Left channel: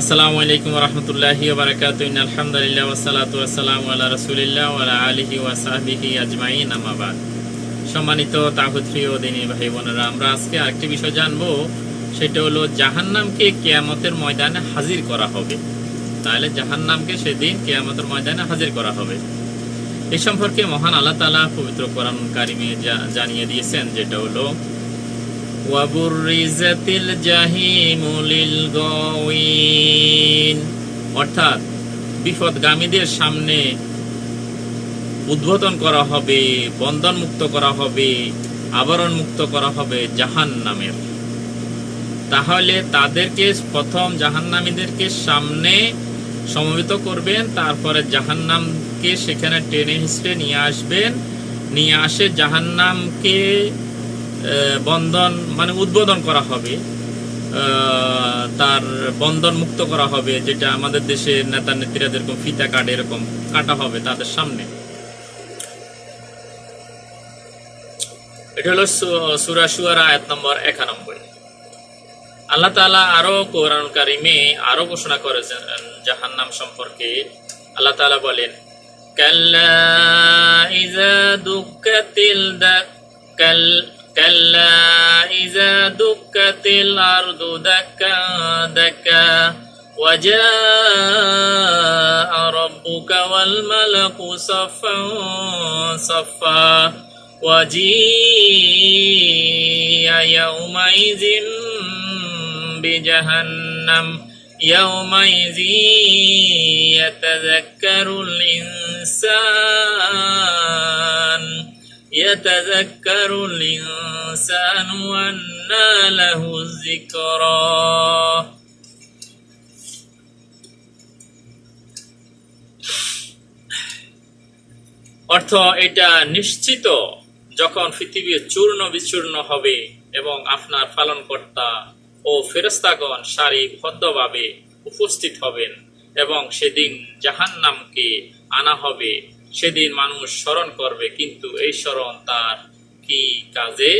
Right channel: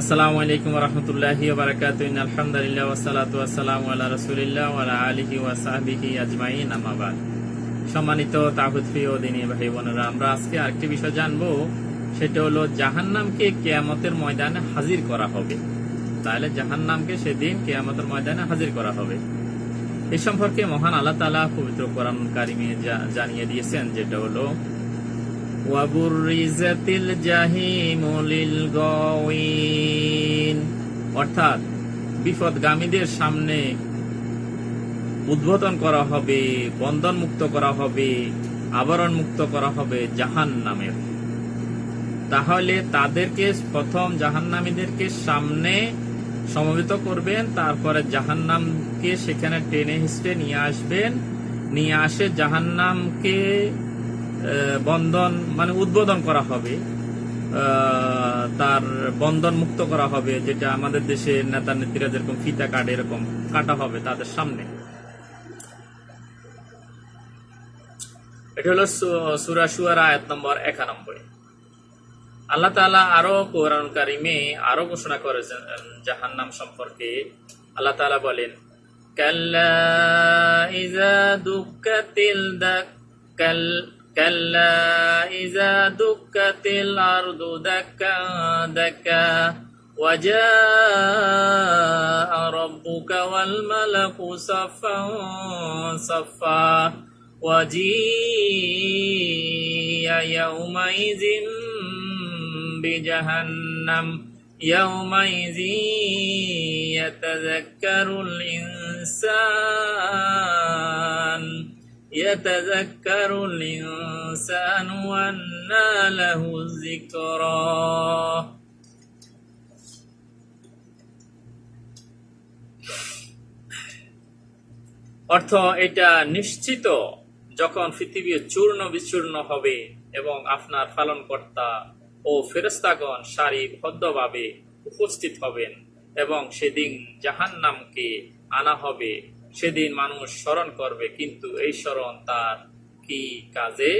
আসসালামু আলাইকুম রহমতুল্লাহি বারাকাতু আলহামদুলিল্লাহ ওয়াসালাতু ওয়াসালামু আলা রাসূলিল্লাহ ওয়া আলা আলিহি ওয়া সাহবিহি আজমাইন, আম্মা সম্মানিত তাহুদ প্রিয় দিনী ভাই বোনেরা, আমরা আজকে আরেকটি বিষয় জানব। সেটা হলো জাহান্নামকে কিয়ামতের ময়দানে হাজির করা হবে। তাহলে জাহান্নামকে সেদিন কিয়ামতের ময়দানে হাজির করা হবে। এই সম্পর্কে মহান আল্লাহ তাআলা পবিত্র কোরআন কারিমে জানিয়ে দিয়েছেন, যেটা হলো অর্থাৎ বিপদগামীদের সামনে উদ্বোধন করা হবে বন্ধন মুক্ত করা হবে আবরণ মুক্ত করা হবে জাহান নামের তাহলে তাদেরকে প্রথম জাহান্নামীদেরকে সামনে সমবেত করবেন, তারপরে জাহান্নামকে সেখানে টেনে হিসড়ে নিয়ে আসবেন। নিয়ে আসে জাহান্নামকে বন্ধন মানে উদ্বোধন করা হবে। তার বন্ধন মুক্ত করা হবে, যেটা আমাদের দেশের নেতা নেত্রীরা যেরকম ফিতা কাটে, এরকম কাটা হবে তাদের সামনে। এটা হলো সু- সূরা আয়াত নম্বর একানব্বই। আল্লাহ তাআলা আরও কোরআন কারিমে আরও ঘোষণা করেছেন, জাহান্নাম সম্পর্কে। আল্লাহ তাআলা বলেন, কাল্লা ইজা দুক্কাতিল দাক কাল كلا إذا دكت الأرض دكا دكا وجاء ربك والملك صفا صفا وجيء يومئذ بجهنم يومئذ يتذكر الإنسان يتذكر الإنسان وأنى له الذكرى অর্থ এটা নিশ্চিত যখন পৃথিবী চূর্ণ বিচূর্ণ হবে এবং আপনার পালনকর্তা ও ফেরস্তাগণ সারিবদ্ধভাবে উপস্থিত হবেন এবং সেদিন জাহান্নামকে আনা হবে সেদিন মানুষ স্মরণ করবে, কিন্তু এই স্মরণ তার কি কাজে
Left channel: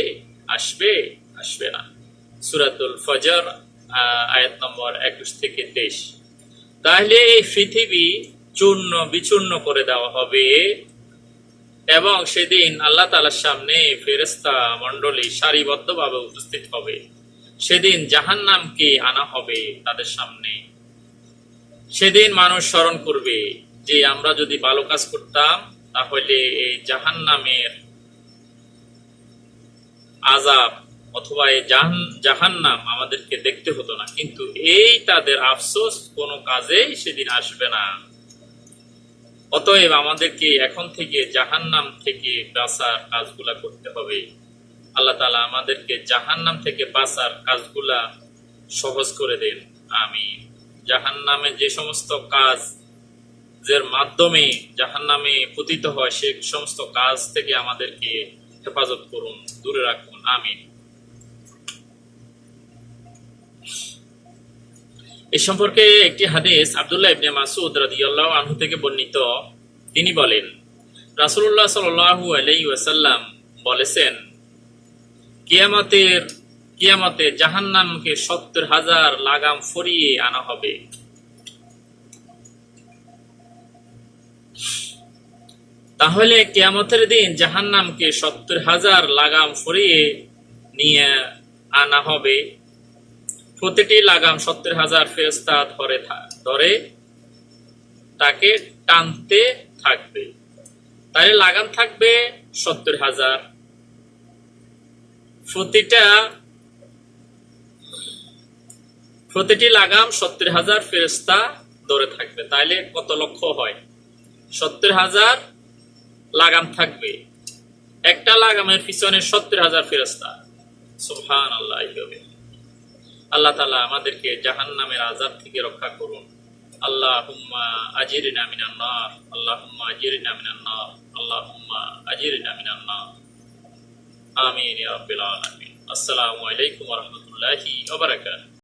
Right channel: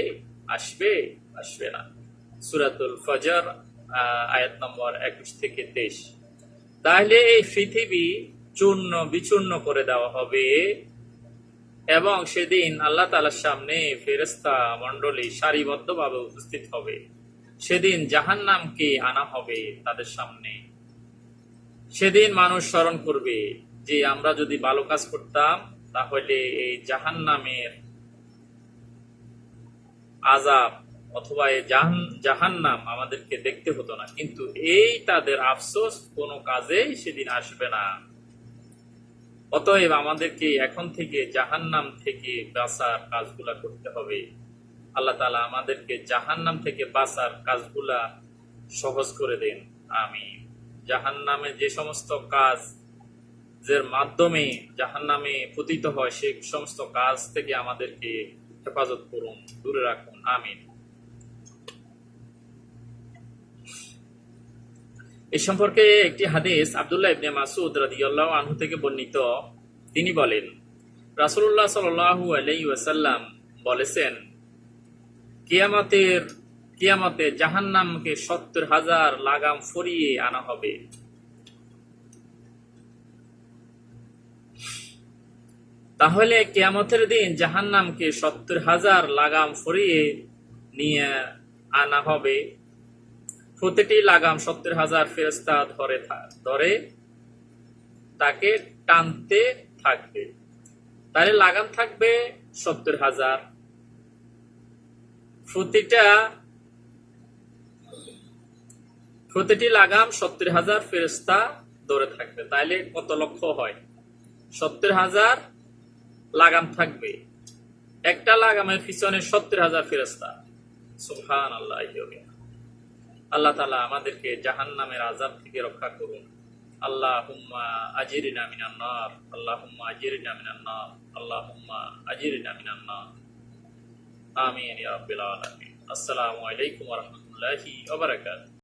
আসবে? আসবে না। সুরাতুল ফজর আয়াত নম্বর একুশ থেকে তেইশ। তাহলে এই পৃথিবী চূর্ণ বিচূর্ণ করে দেওয়া হবে এবং সেদিন আল্লাহ তালার সামনে ফেরেস্তা মণ্ডলী সারিবদ্ধভাবে উপস্থিত হবে। সেদিন জাহান্নামকে আনা হবে তাদের সামনে। সেদিন মানুষ স্মরণ করবে যে আমরা যদি ভালো কাজ করতাম, তাহলে এই জাহান্নামের আজাব অথবা এই জাহান- জাহান্নাম আমাদেরকে দেখতে হতো না। কিন্তু এই তাদের আফসোস কোনো কাজেই সেদিন আসবে না। অতএব আমাদেরকে এখন থেকে জাহান্নাম থেকে বাঁচার কাজগুলা করতে হবে। আল্লাহ তালা আমাদেরকে জাহান্নাম থেকে বাঁচার কাজগুলা সহজ করে দেন। আমি জাহান্নামে যে সমস্ত কাজ যের মাধ্যমে জাহান্নামে পতিত হয়, সে সমস্ত কাজ থেকে আমাদেরকে হেফাজত করুন, দূরে রাখুন, আমিন। এই সম্পর্কে একটি হাদিস আব্দুল্লাহ ইবনে মাসুদ রাদিয়াল্লাহু আনহু থেকে বর্ণিত। তিনি বলেন, রাসূলুল্লাহ সাল্লাল্লাহু আলাইহি ওয়াসাল্লাম বলেছেন, কিয়ামতের, কিয়ামতে জাহান্নামকে সত্তর হাজার লাগাম ফরিয়ে আনা হবে। তাহলে কেয়ামতের দিন জাহান্নামকে সত্তর হাজার লাগাম ফরিয়ে নিয়ে আনা হবে। প্রতিটি লাগাম সত্তর হাজার ফেরস্তা ধরে ধরে তাকে টানতে থাকবে। তাহলে লাগাম থাকবে সত্তর হাজার। প্রতিটা, প্রতিটি লাগাম সত্তর হাজার ফেরস্তা ধরে থাকবে। তাইলে কত লক্ষ হয়? সত্তর হাজার লাগাম থাকবে। একটা লাগামের পিছনে সত্তর হাজার ফেরস্তা সুবহান আল্লাহ আল্লাহ তালা আমাদেরকে জাহান নামের আজাব থেকে রক্ষা করুন। আল্লাহ হুম্মা আজির নামিনান্নার আল্লাহ হুম্মা আজির নামিনান্নার আল্লাহ হুম্মা আজির নামিনান্নার আমিন ইয়া রাব্বিল আলামিন। আসসালামু আলাইকুম ওয়া রাহমাতুল্লাহি